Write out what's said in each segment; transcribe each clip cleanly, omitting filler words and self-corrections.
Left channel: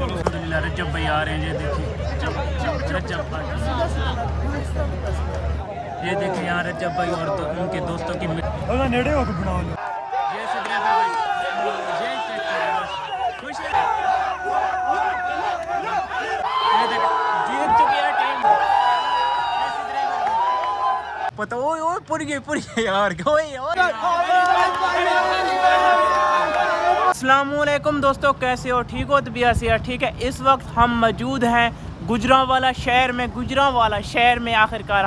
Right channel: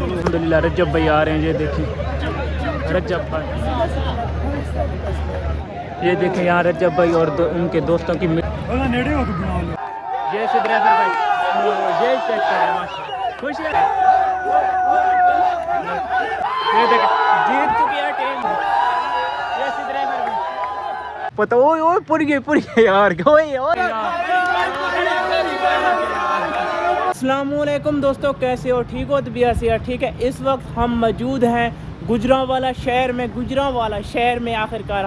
अल्हम्दुलिल्लाह रजब भाई आ रहे हैं, ये देखें रजब भाई, ये देखें यहाँ रजब भाई और उनके दोस्तों की ये सिद्रेफर भाई, ये चेक करें खुश है, ये देखें जीत चुकी है टीम, ये सिद्रेफर भाई पता ओए पूरी गई यार अस्सलामुअलैकुम दोस्तों, कैसे हो? ठीक हो? तबीयत से ठीक है। इस वक्त हम मौजूद हैं गुजरांवाला शहर में। गुजरांवाला शहर में आखिरकार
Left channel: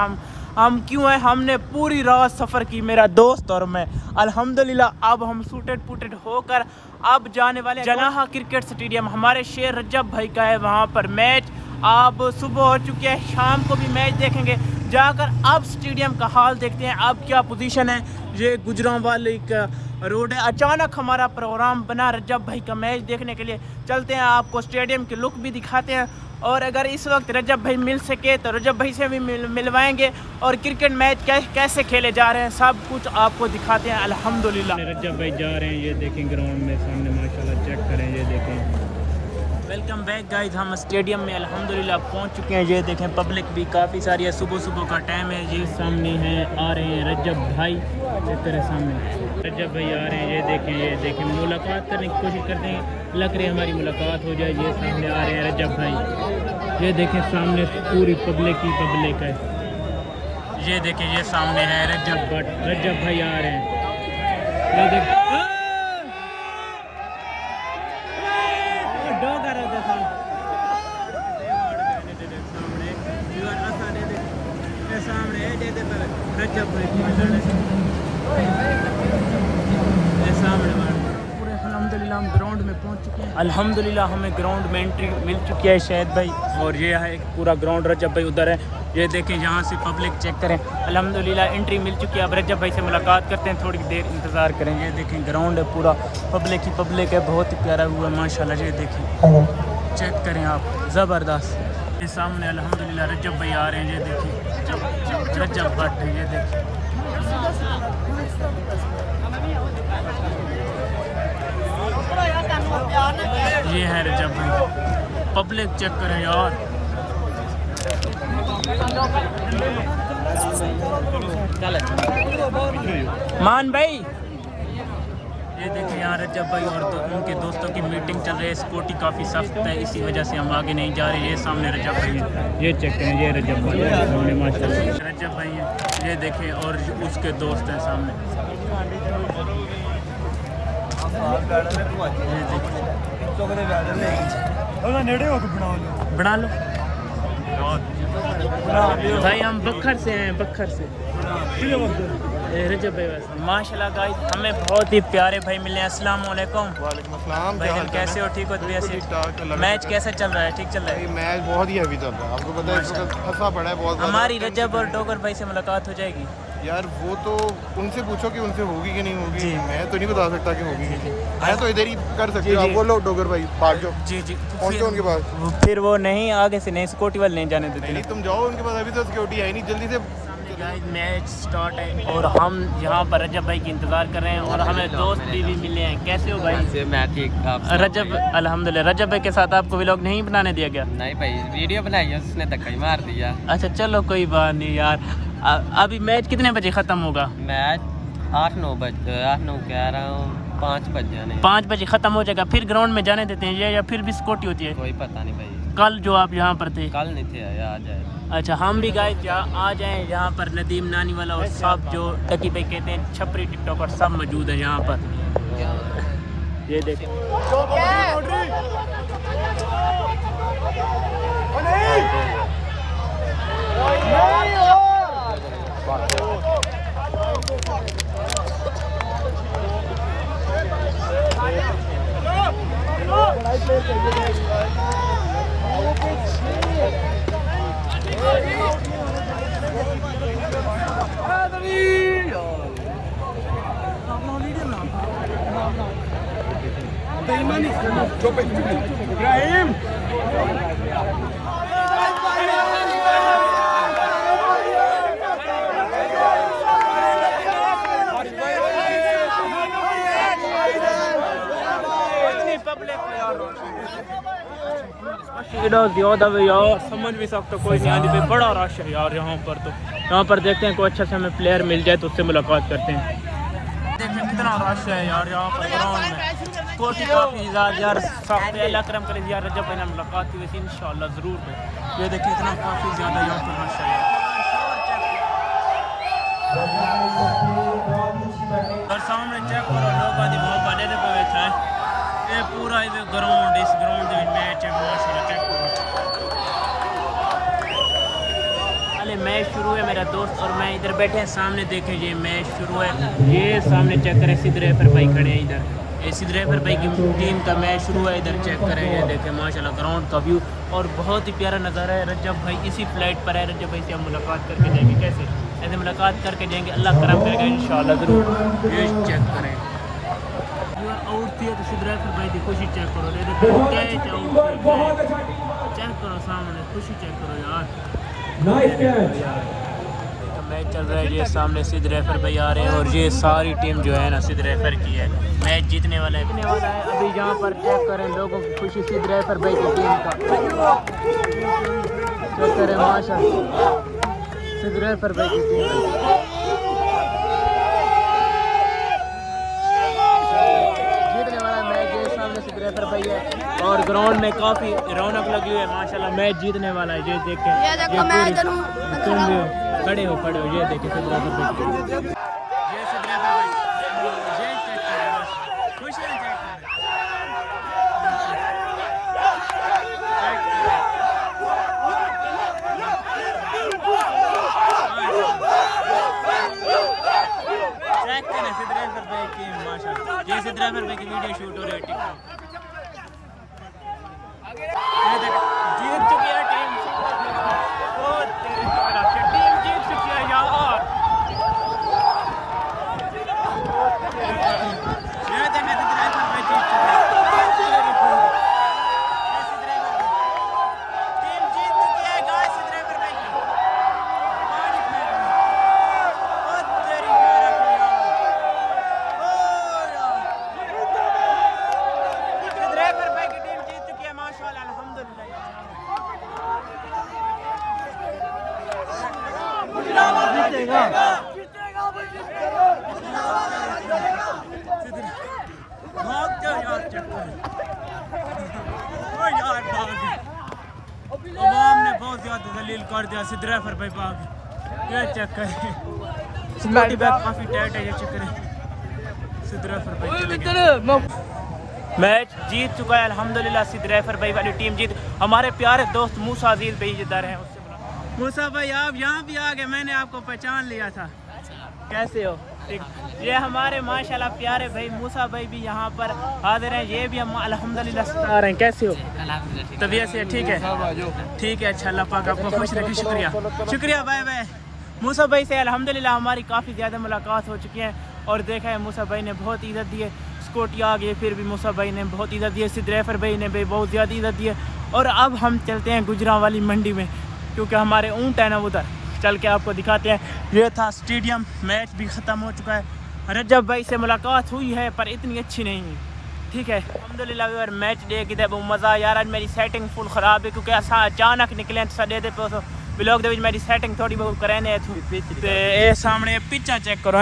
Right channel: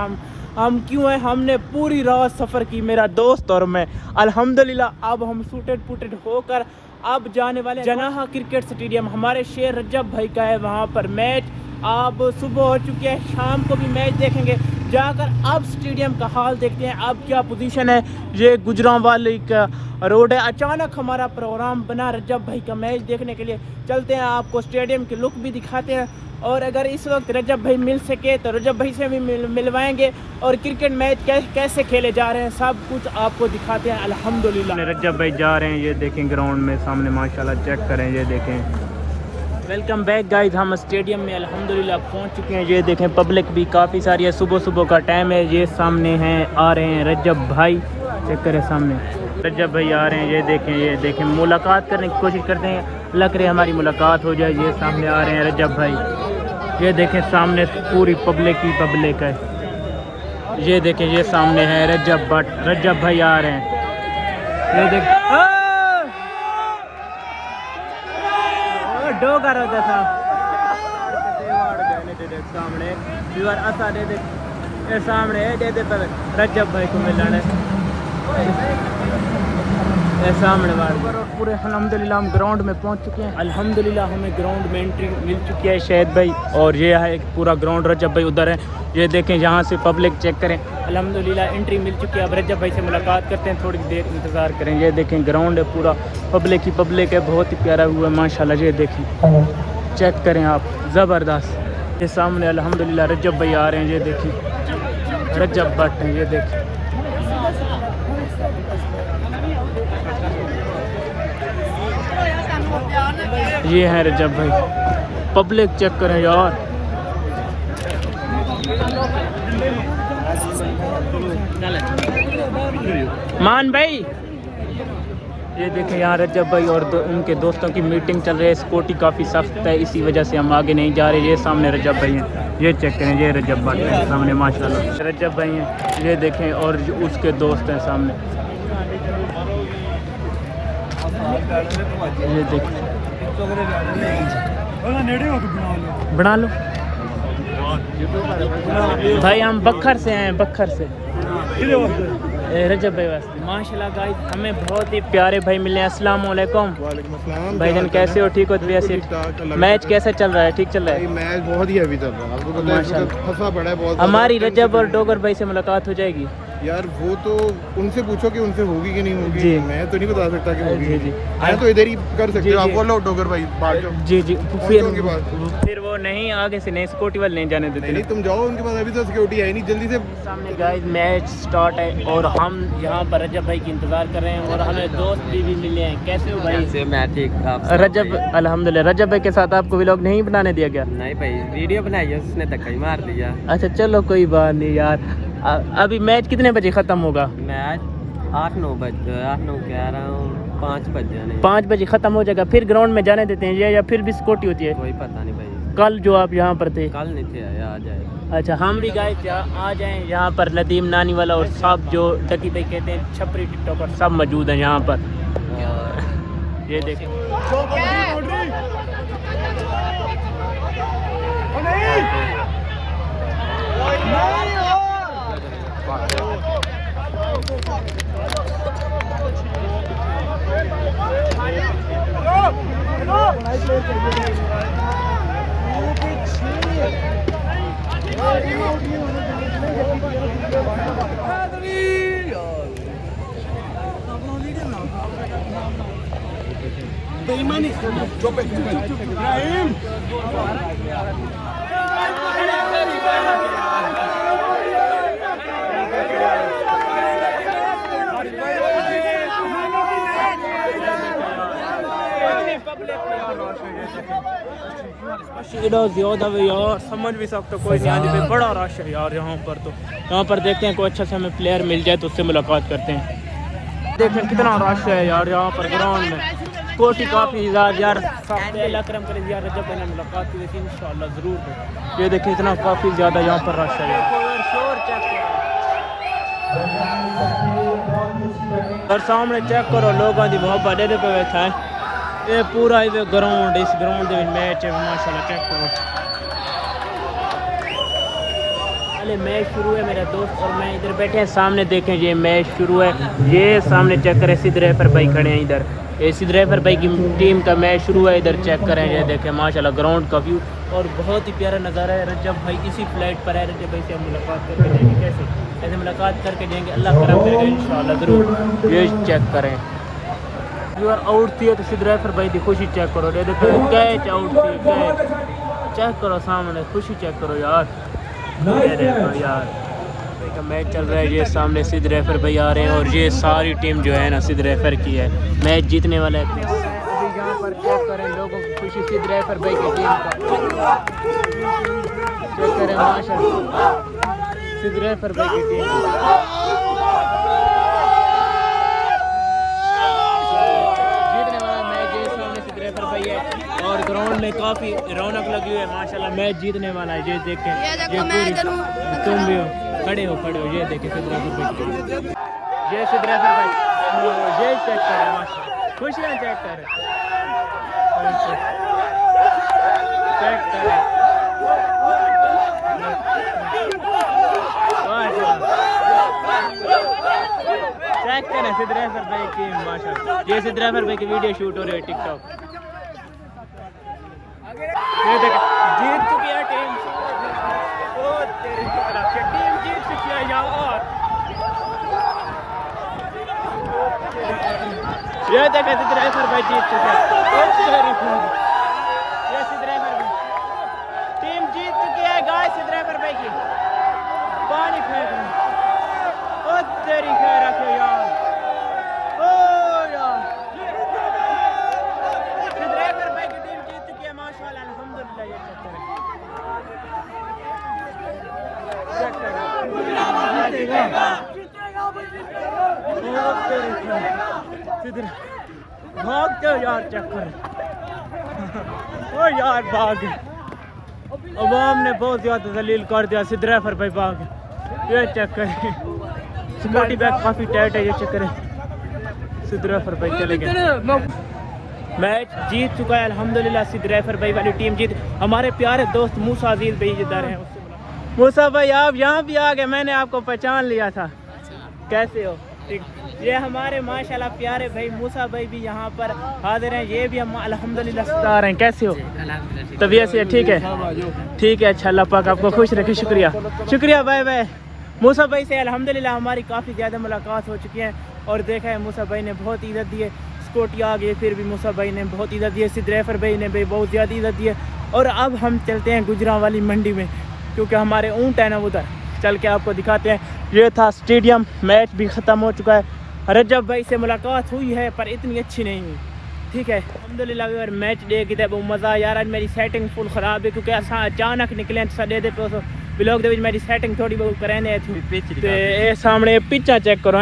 हम क्यों हैं? हमने पूरी रात सफ़र की, मेरा दोस्त और मैं। अल्हम्दुलिल्लाह अब हम सूटेड पुटेड होकर अब जाने वाले जनाहा क्रिकेट स्टेडियम। हमारे शेर रजब भाई का है वहाँ पर मैच। अब सुबह हो चुकी है, शाम को भी मैच देखेंगे जाकर। अब स्टेडियम का हाल देखते हैं, अब क्या पोजीशन है। ये गुजरांवाली का रोड है। अचानक हमारा प्रोग्राम बना रजब भाई का मैच देखने के लिए। चलते हैं, आपको स्टेडियम की लुक भी दिखाते हैं, और अगर इस वक्त रजब भाई मिल सके तो रजब भाई से भी मिलवाएंगे, और क्रिकेट मैच कैसे खेले जा रहे हैं सब कुछ आपको दिखाते हैं। अल्हम्दुलिल्लाह रजब भाई जा रहे हैं, ये देखें ग्राउंड में सामने माशाल्लाह, चेक करें, ये देखें। वेलकम बैक गाइस, हम स्टेडियम में अल्हम्दुलिल्लाह पहुंच चुके हैं। ये देखें पब्लिक भी काफ़ी सारी है, सुबह का टाइम है। ये सामने हैं, आ रहे हैं रजब भाई, चेक करें सामने रजब भाई आ रहे हैं। ये देखें मुलाकात करने की कोशिश करते हैं, लग रही है हमारी मुलाकात हो जाए। ये सामने आ रहे हैं रजब भाई, ये देखें सामने पूरी पब्लिक ही पब्लिक है। ये देखें ये सामने है रजब भाई आ रहे हैं। ये देख डोगर होता था सामने सामने पर रजब भाई को मिलाना है सामने पूरे। अल्हम्दुलिल्लाह हम ग्राउंड में पहुंच चुके हैं। अल्हम्दुलिल्लाह हमें ग्राउंड में एंट्री मिल चुकी है शायद भाई, और ये है एक पूरा ग्राउंड। रजब भाई उधर है, ये देखें यहाँ से पब्लिक चेक करें। अल्हम्दुलिल्लाह एंट्री मिल चुकी है। अब रजब भाई से मुलाकात करते हैं, थोड़ी देर इंतज़ार करें। ये देखें ग्राउंड है पूरा, पब्लिक ही पब्लिक है, बहुत ही प्यारा हुआ है माशाल्लाह। ये देखें चेक करें आप, ज़बरदस्त। ये सामने अल्हम्दुलिल्लाह रजब भाई आ रहे हैं, ये देखें रजब भट्ट हैं, ये देखें ये है रजब भाई। पब्लिक चेक करें यार, मान भाई। ये देखें यहाँ रजब भाई और उनके दोस्तों की मीटिंग चल रही है। सिक्योरिटी काफ़ी सख्त है, इसी वजह से हम आगे नहीं जा रहे। ये सामने रजब भाई हैं, ये चेक करें, ये रजब भाई सामने माशाल्लाह रजब भाई हैं। ये देखें और उसके दोस्त हैं सामने, ये देखें बना लो भाई। हम बखर से हैं, बखर से रजब भाई बस माशाल्लाह गाइस, हमें बहुत ही प्यारे भाई मिले हैं। अस्सलाम वालेकुम। वालेकुम अस्सलाम भाईजान कैसे हो? ठीक हो? मैच कैसा चल रहा है? ठीक चल रहा है? मैच बहुत ही हैवी चल रहा है, आपको पता है फंसा पड़ा है बहुत। हमारी रजब और डोगर भाई से मुलाकात हो जाएगी यार? वो तो उनसे पूछो कि उनसे होगी कि नहीं होगी। जी मैं तो नहीं बता सकता कि होगी। जी मैं तो इधर ही कर सकता हूं। जी फिर वो नहीं, आगे से नहीं, सिक्योरिटी वाले नहीं जाने देते। नहीं तुम जाओ उनके पास, अभी तो सिक्योरिटी है नहीं। जल्दी से सामने गाइस मैच स्टार्ट है, और हम यहाँ पर रजब भाई की इंतजार कर रहे हैं, और हमें दोस्त भी मिले हैं। कैसे हो भाई? मैं ठीक। रजब अल्हम्दुलिल्लाह। रजब भाई के साथ आपको व्लॉग नहीं बनाने दिया गया? नहीं भाई, वीडियो बनाई है उसने, धक्का ही मार दिया। अच्छा चलो कोई बात नहीं यार। अभी मैच कितने बजे ख़त्म होगा? मैच 8-9 बजे, 8-9 कह रहा हूँ, 5 बजे। 5 बजे ख़त्म हो जाएगा, फिर ग्राउंड में जाने देते हैं या फिर भी सिक्योरिटी होती है? कोई पता नहीं भाई। कल जो आप यहाँ पर थे? कल नहीं थे, आ जाए। अच्छा हम भी गए क्या, आ जाएं यहाँ पर। नदीम नानी वाला और सब जो डकी भाई कहते हैं, छपरी टिकटॉकर सब मौजूद हैं यहाँ पर। ये देखिए इब्राहिम इधर ज्यादा भी यार समझ भी सकते कोई नहीं आने पे बड़ा रश है यार यहाँ पर। तो यहाँ पर देखते हैं कोई अच्छा से हमें प्लेयर मिल जाए तो उससे मुलाकात करते हैं। देखें कितना रश है यार यहाँ पर ग्राउंड में। स्पोर्टी काफ़ी यार सकते अल्लाह करम करे यार रजब भाई ने मुलाकात की वैसे इंशाल्लाह ज़रूर भाई। ये देखें इतना काफ़ी ज़्यादा यहाँ पर रश है और सामने चेक करो लोगों की मोहब्बत पे बैठा है। ये पूरा ग्राउंड इस ग्राउंड के मैच है माशाल्लाह चेक करो। पहले मैच शुरू है मेरा दोस्त और मैं इधर बैठे हैं सामने देखें ये मैच शुरू है। ये सामने चेक करें सिद्ध रेफर भाई खड़े हैं इधर। ये सिद्ध रेफर भाई की टीम का मैच शुरू है। इधर चेक करें ये देखें माशाल्लाह ग्राउंड का व्यू और बहुत ही प्यारा नज़ारा है। रजब भाई इसी फ्लाइट पर है। रजब भाई से हम मुलाकात करके जाएंगे। कैसे ऐसे मुलाकात करके जाएंगे अल्लाह करम करेगा इंशाल्लाह ज़रूर। ये चेक करें यार आउट थी तो सिद्ध रेफर भाई की खुशी चेक करो। ये देखो कैच आउट थी कैच चेक करो सामने खुशी चेक करो यार। यार मैच चल रहा है। ये सामने सिद्ध रेफर भाई आ रहे हैं और ये सारी टीम जो है ना सिद्ध रेफर की है। मैच जीतने वाला है। अभी यहाँ पर चेक करें लोगों की खुशी सिद्ध रेफर भाई की टीम सिद्ध रेफर भाई की टीम जीतने वाला मैच है। सामने सिद्ध रेफर भाई है और ग्राउंड में काफ़ी रौनक लगी हुई है माशाल्लाह। मैच जीतने वाला है। ये देखें ये तुम भी हो खड़े हो ये देखें सिद्ध रेफर भाई ये सिद्ध रेफर भाई ये चेक करें माशाल्लाह खुशियाँ चेक करें चेक करें चेक करें सिद्ध रेफर भाई की माशाल्लाह। ये सिद्ध रेफर भाई की वीडियो शूट हो रही है टिकटॉक। ये देख जीत चुकी है टीम। ओ तेरी टीम जीत चुकी है यार। ये देख सिद्ध रेफर भाई जीत चुके हैं। ये सिद्ध रेफर भाई टीम जीत चुकी है गाइस। सिद्ध रेफर भाई की पानी फेंक रहे ओ तेरी खैर रखे यार। ओ यार सिद्ध रेफर भाई की टीम जीत चुकी है माशाल्लाह अल्हम्दुलिल्लाह। ये चेक करें भागते हो यार चेक करें ओ यार भाग अवाम ने बहुत ज़्यादा दलील कर दिया। सिद्ध रेफर भाई भाग ये चेक करें सिक्योरिटी बैग काफ़ी टाइट है। ये चेक करें सिद्ध रेफर भाई चले गए। मैच जीत चुका है अल्हम्दुलिल्लाह। सिद्ध रेफर भाई वाली टीम जीत। हमारे प्यारे दोस्त मूसा अजीज भाई इधर हैं उससे मिला। मूसा भाई आप यहाँ भी आ गए मैंने आपको पहचान लिया था। कैसे हो ठीक। ये हमारे माशाल्लाह प्यारे भाई मूसा भाई भी यहाँ पर हाजिर हैं। ये भी हम अल्हम्दुलिल्लाह सता रहे हैं। कैसे हो तबीयत से ठीक है ठीक है अच्छा अल्लाह पाक आपको खुश रखे। शुक्रिया शुक्रिया बाय बाय। मूसा भाई से अल्हम्दुलिल्लाह हमारी काफ़ी ज़्यादा मुलाकात हो चुकी है और देखा है मूसा भाई ने बहुत इज़्ज़त दी है। स्कूटी आ गई फिर भी मूसा भाई ने बहुत इज़्ज़त दी है। सिद्ध रेफर भाई ने भी बहुत ज़्यादा इज़्ज़त दी है। और अब हम चलते हैं गुजरांवाली मंडी में क्योंकि हमारे ऊँट है ना उधर चल के आपको दिखाते हैं। ये था स्टेडियम। मैच भी ख़त्म हो चुका है। रजब भाई से मुलाकात हुई है पर इतनी अच्छी नहीं हुई ठीक है अल्हम्दुलिल्लाह। यार मैच देख के बहुत मज़ा यार। आज मेरी सेटिंग फुल ख़राब है क्योंकि असा अचानक निकले सडे दे पे ब्लॉग दे मेरी सेटिंग थोड़ी बहुत कराने तो ये सामने पिचा चेक करो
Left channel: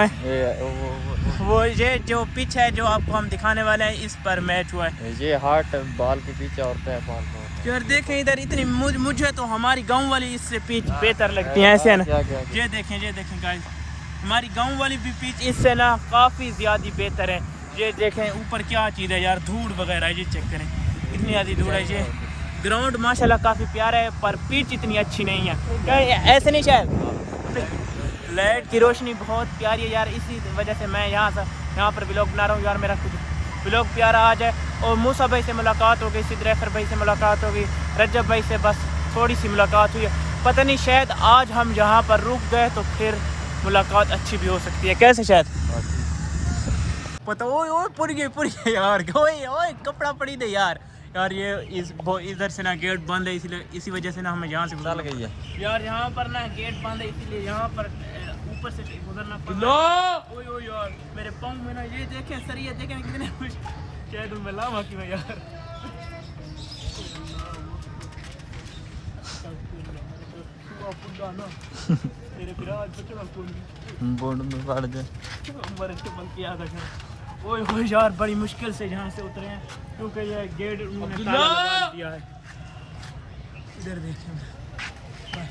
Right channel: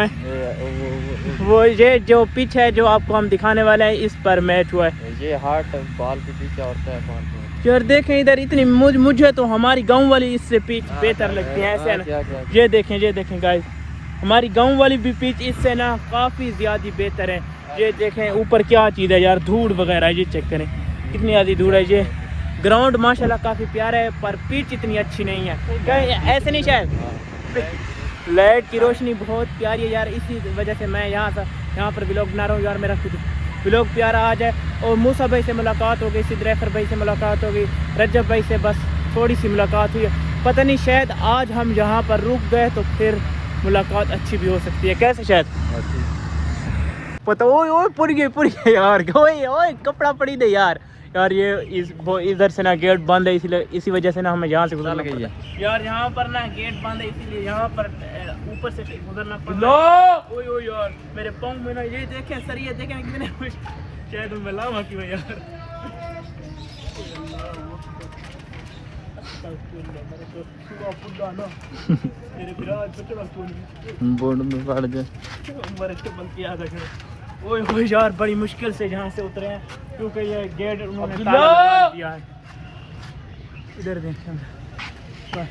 वो ये जो पिच है जो आपको हम दिखाने वाले हैं इस पर मैच हुआ है। ये हार्ट बॉल की पिच होता है यार देखें इधर इतनी मुझे तो हमारी गांव वाली इससे पिच बेहतर लगती है ऐसे ना। ये देखें गाइस हमारी गांव वाली भी पिच इससे ना काफ़ी ज़्यादा बेहतर है। ये देखें ऊपर क्या चीज़ है यार धूड़ वगैरह ये चेक करें इतनी ज़्यादा धूड़ है। ये ग्राउंड माशाल्लाह काफ़ी प्यारा है पर पिच इतनी अच्छी नहीं है। क्या ऐसे नहीं शायद लाइट की रोशनी बहुत प्यारी है यार। इसी वजह से मैं यहाँ पर व्लॉग बना रहा हूँ यार। मेरा खुद व्लॉग प्यारा आ जाए। और मूसा भाई से मुलाकात हो गई सिद्ध रेफर भाई से मुलाकात हो गई रजब भाई से बस थोड़ी सी मुलाकात हुई है। पता नहीं शायद आज हम यहाँ पर रुक गए तो फिर मुलाकात अच्छी भी हो सकती है। कैसे शायद पता ओए पूरी गई यार। ओए कपड़ा पड़ी दे यार ये इधर से ना गेट बंद है इसलिए इसी वजह से ना हमें यहाँ से गुजरना गई है यार। यहाँ पर ना गेट बंद है इसीलिए यहाँ पर ऊपर से गुजरना पड़ा। ओए यार मेरे पाँव में ना ये देखें सरिये देखें कितने चैनल में लावा क्यों यार तेरे विराज बचड़ा कौन बोर्ड में पड़ जा मरे तो बल्कि याद आ ओए ओए यार बड़ी मुश्किल से यहाँ से उतरे हैं क्योंकि ये गेट उन्होंने ताला लगा दिया है। इधर देख बस